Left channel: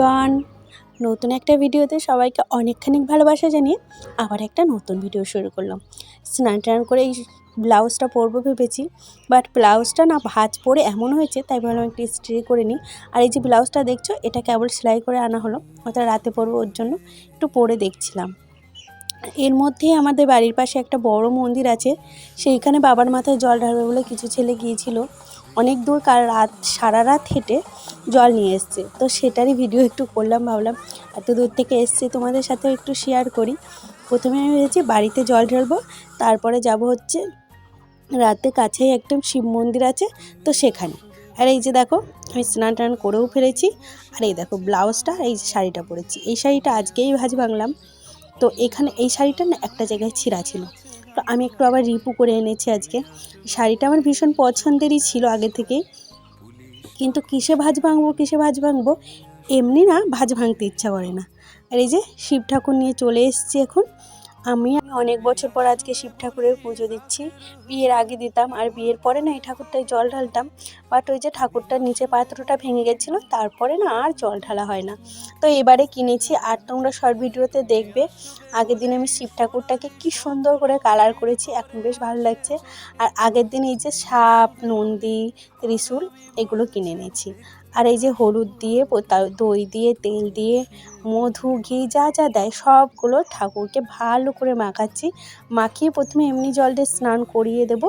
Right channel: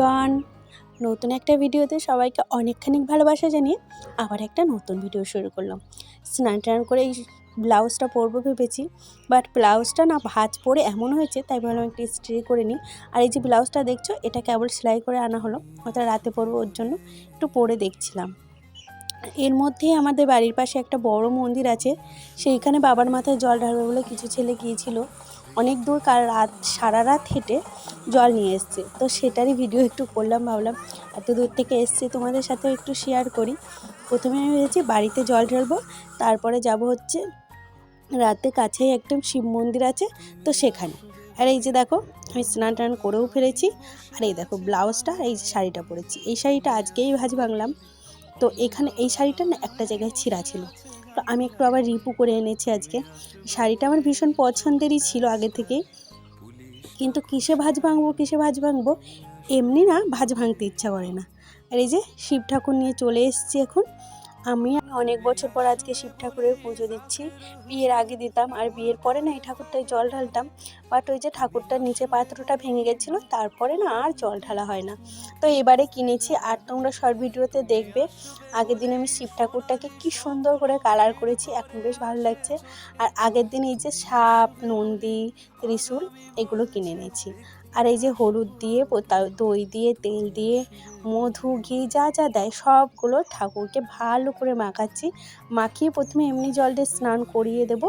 Everyone নতুন একটা ভিডিওতে সবাইকে অনেকখানি ভালোবাসা জানিয়ে আবার একটা নতুন ভিডিও শুরু করলাম। স্নান টান করে এই ব্লাউজটা পরবো ভেবেছি বাট ব্লাউজটা না ভাঁজ পরে এমন হয়েছে, তাই ভাবলাম একটু স্ট্রি করে নিই। আর এই যে ব্লাউজটা দেখছ, এটা কেবল সেলাই করে আনা হলো, ওটা রাতে পরবো ওর জন্য, একটু পরে দেখছিলাম। এর মধ্যেই আমাদের বাড়ির পাশে একটা বড় মন্দির আছে, সেইখানে বাবার মাথায় জল ঢালবে বলে কিছু ছেলে গিয়েছিল। অনেক দূর কাল রাত, সারা রাত হেঁটে জল নিয়ে এসছে। তো সেটারই ভিডিও একটু করলাম, ভাবলাম এত দূর থেকে এসছে, তোমাদের সাথে একটু শেয়ার করি। প্রথমে আমি ভেবেছি বাড়িতে জল ঢালবো, তারপরে যাব হচ্ছে রাতে কাছেই একদম শিব মন্দির আছে, তো সেখানে। আর এই যে দেখো, আমি স্নান টান করেও ফেলেছি, আর এই দেখো ব্লাউজটা, এই শাড়িটা পরেছি। এই শাড়িটা আজকেই ভাজ ভাঙলাম। তো এখানে এই শাড়িটা না একটা জায়গায় ছিঁড়া ছিল। তো আমি একটু আবার রিপু করে এনেছি আজকে। শাড়িটা আমার ভীষণ পছন্দেরই ছিল আগে থেকেই। কিন্তু কিসে ভাজ ভাঙবো, কিসে ভাজ ভাঙবো, এমনি না ভাজ ভাঙতে ইচ্ছা করে না। আর এই যে শিব ঠাকুর নিয়ে চলে এসছি এখন। আমি অনেক বছর পর আজকে শিব ঠাকুরের পুজো দিচ্ছি। বিয়ের আগে দিতাম আর বিয়ের পরে না এই ঠাকুরটায় জল ঢালতাম। বাট ওই যে ঠাকুরটার নিচে পাত্রটা ভেঙে গেছিল, তারপরে না আর জল ঢালা হয় না। তো এবারে কিনেছি আর তোমরা শর্ট ভিডিওতে দেখবে। আগের দিন আমি শিব ঠাকুরটাকে কি সুন্দর করে কালার করেছি, এখন বেশ ভালো লাগছে। আর আগের দিন এই যে সাপ, নন্দী, ত্রিশূল এগুলো কিনে নিয়েছি আর এই যে হলুদ দিয়ে দই দিয়ে, তেল দিয়ে, মধু, ঘি যা যা দেয়, সবগুলো ঠাকুরকে ভালো করে মাখাচ্ছি। মাখিয়ে প্রথমে এমনি জল দিয়ে স্নান করিয়ে দেব,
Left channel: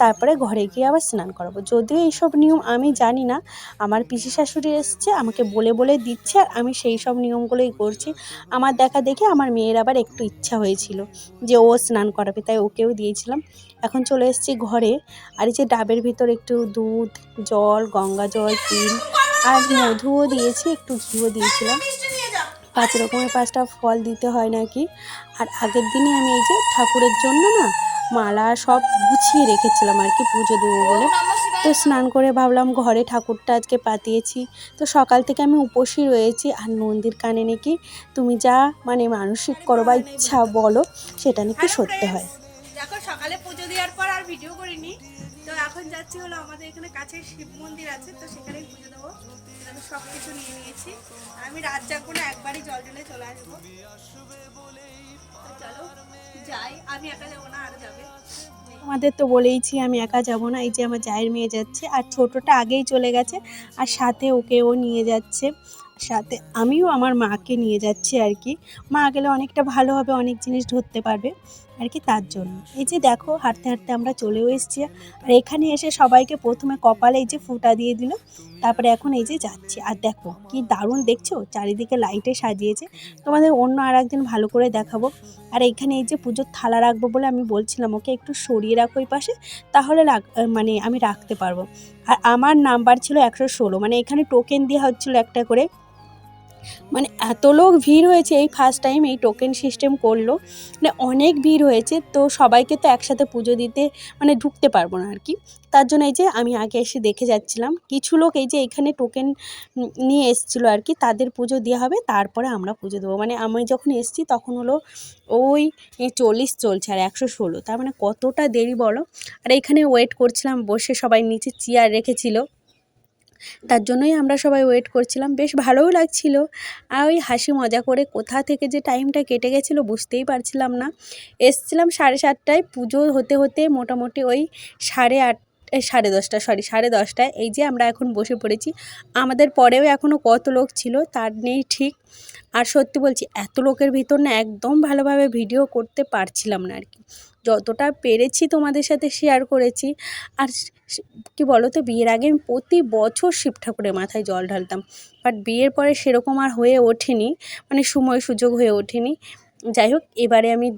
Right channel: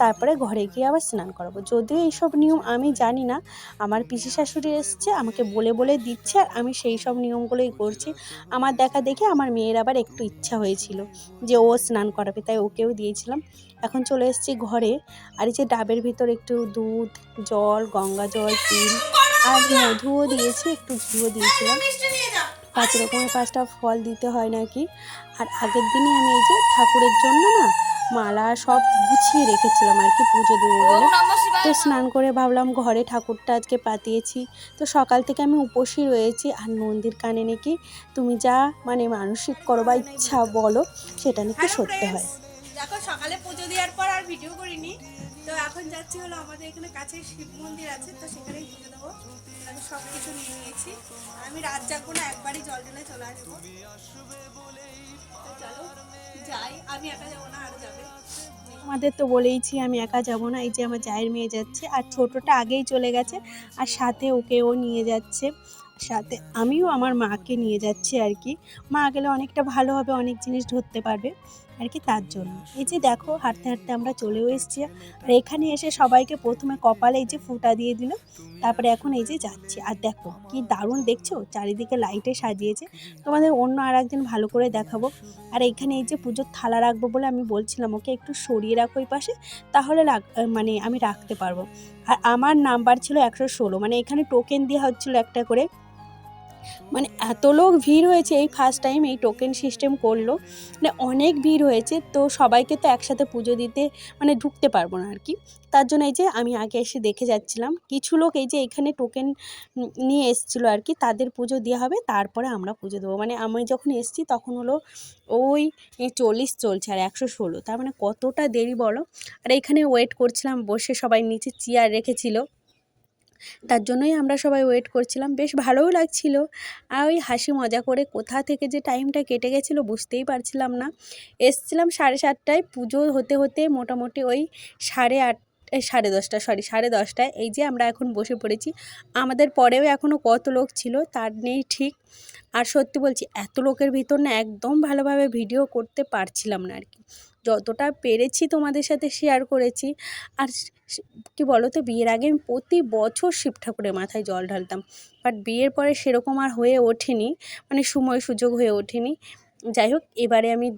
তারপরে ঘরে গিয়ে আবার স্নান করাবো। যদিও এইসব নিয়ম আমি জানি না, আমার পিসি শাশুড়ি এসছে, আমাকে বলে বলে দিচ্ছে, আর আমি সেই সব নিয়মগুলোই করছি। আমার দেখা দেখে আমার মেয়ের আবার একটু ইচ্ছা হয়েছিল যে ও স্নান করাবে, তাই ওকেও দিয়েছিলাম। এখন চলে এসেছি ঘরে, আর এই যে ডাবের ভিতর একটু দুধ, জল, গঙ্গা জল, তিল আর মধুও দিয়েছি একটু ঘিও দিয়েছিলাম। পাঁচ রকমের পাঁচটা ফল দিতে হয় নাকি? আর আগের দিনে আমি এই যে ঠাকুরের জন্য না মালা সব গুছিয়ে রেখেছিলাম আর কি পুজো দেবো বলে। তো স্নান করে ভাবলাম ঘরে ঠাকুরটা আজকে পাতিয়েছি। তো সকাল থেকে আমি উপসী রয়েছি। আর নন্দীর কানে নাকি তুমি যা মানে মানসিক করো বা ইচ্ছা বলো সেটা নাকি সত্যি হয়। দেখো সকালে পুজো দেওয়ার পর আর ভিডিও করিনি। তো এখন যাচ্ছি হলো আমাদের এখানে কাছে শিব মন্দির আছে তো সেখানেই পুজো দেবো। কিছু নিয়ে নিয়েছি। আমি রাত জাগবো না, একবারই জল ঢেলে চলে আসব। চলো, যাই, আমি একা যাব না, আর যাবে। আমাদের তো বলেইছি, আমি একা যাব না, এই যে আমার জায়ের মেয়ে যাচ্ছে, আর ছোটটা আগেই চলে গেছে, আর সাথে ওকেও নিয়ে যাচ্ছে। সাথে আমিও আমার মাকে নিয়ে যাচ্ছি আর কি। মা গেলে অনেকটা ভালো হবে, অনেক জিনিস ধরতে পারবে। আর কি তার জন্য। এই যে দেখো, হাঁটতে হাঁটতে আমরা চলেও এসেছি। আর এখানে এসে সবাইকে প্রথমে কপালে এই যে ফুটা দিয়ে দিল, তারপরে এখন এই যে যাচ্ছি। আর দেখো, কি দারুণ দেখছ? চারিদিকে লাইটে সাজিয়েছে। তোমাদের অন্য আর একদিন ভালো করে দেখাবো। আর এখানে এই যে পুজোর থালা রাখব বলে আমি বলছিলাম, ওকে একটু সরিয়ে রাখো ওই পাশে, তাহলে মানে আমি রাখতে পারব। আর আমার নাম্বার ছিল একশো ষোলো মানে এখানে টোকেন দেওয়া হচ্ছিল একটা করে। মানে এত লোক ভিড় হয়েছে, এই ফার্স্ট টাইম এই টোকেন সিস্টেম করল মানে অনেক ভিড় হয়েছে, তো সবাইকে তো একসাথে পুজো দিতে মানে ঢুকতে পারব না আর কি। তার জন্য এই যে আমি আগে এসে দেখে যাচ্ছিলাম, কিছু লোক এই যে এখানে টোকেন নিয়ে এসেছিল আর কি, তাদের পুজো দেওয়া হবে, তারপরে আমরা পুজো দেবো। মানে আমি যখন এসেছি তখন হলো ওই চল্লিশ চলছে আর একশো ষোলো, তার মানে কতটা দেরি বলো? আর এখানে ওয়েট করছিলাম, বসে সবাই নিচে চেয়ার রেখেছিল। তার জন্যই আমরা সবাই ওয়েট করছিলাম। বেশ ভালোও লাগছিল। আর ওই হাসি মজা করে কোথা থেকে যে টাইমটা কেটে গেছিল বুঝতেই পারছিলাম না। এসছিলাম সাড়ে সাতটায় পুজো হতে হতে মোটামুটি ওই সাড়ে আট সাড়ে দশটা সরি সাড়ে দশটায়। এই যে আমরা এখন বসে পড়েছি। আমাদের পরেও এখনও কত লোক ছিল তার নেই ঠিক। আর সত্যি বলছি, এত লোকের ভিতর না একদম ভালোভাবে ভিডিও করতে পারছিলাম না আর কি। যতটা পেরেছি তোমাদের সাথে শেয়ার করেছি। আর কি বলো তো বিয়ের আগে আমি প্রতি বছর শিব ঠাকুরের মাথায় জল ঢালতাম। বাট বিয়ের পরে সেরকম আর হয়ে ওঠেনি মানে সময় সুযোগ হয়ে ওঠেনি। যাই হোক, এবারে আমি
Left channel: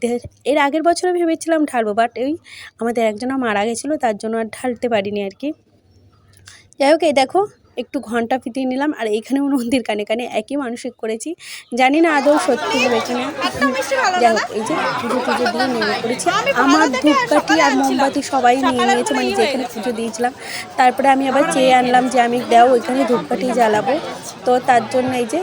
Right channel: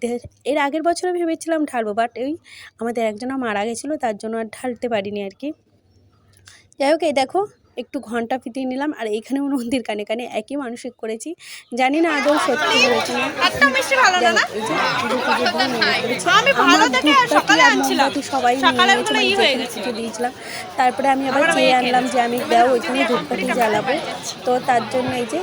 এর আগের বছরে ভেবেছিলাম ঢালবো বাট ওই আমাদের একজনা মারা গেছিল, তার জন্য আর ঢালতে পারিনি আর কি। যাই হোক, এই দেখো একটু ঘণ্টা ফিটিয়ে নিলাম আর এখানেও নদীর কানে কানে একই মানসিক করেছি। জানি না আদৌ সত্যি হয়েছে সবাই দিয়েছিলাম। তারপরে আমি আবার চেয়ে আনলাম যে আমি যাও ওইখানে ধূপকাঠি জ্বালাবো। তো তার জন্য এই যে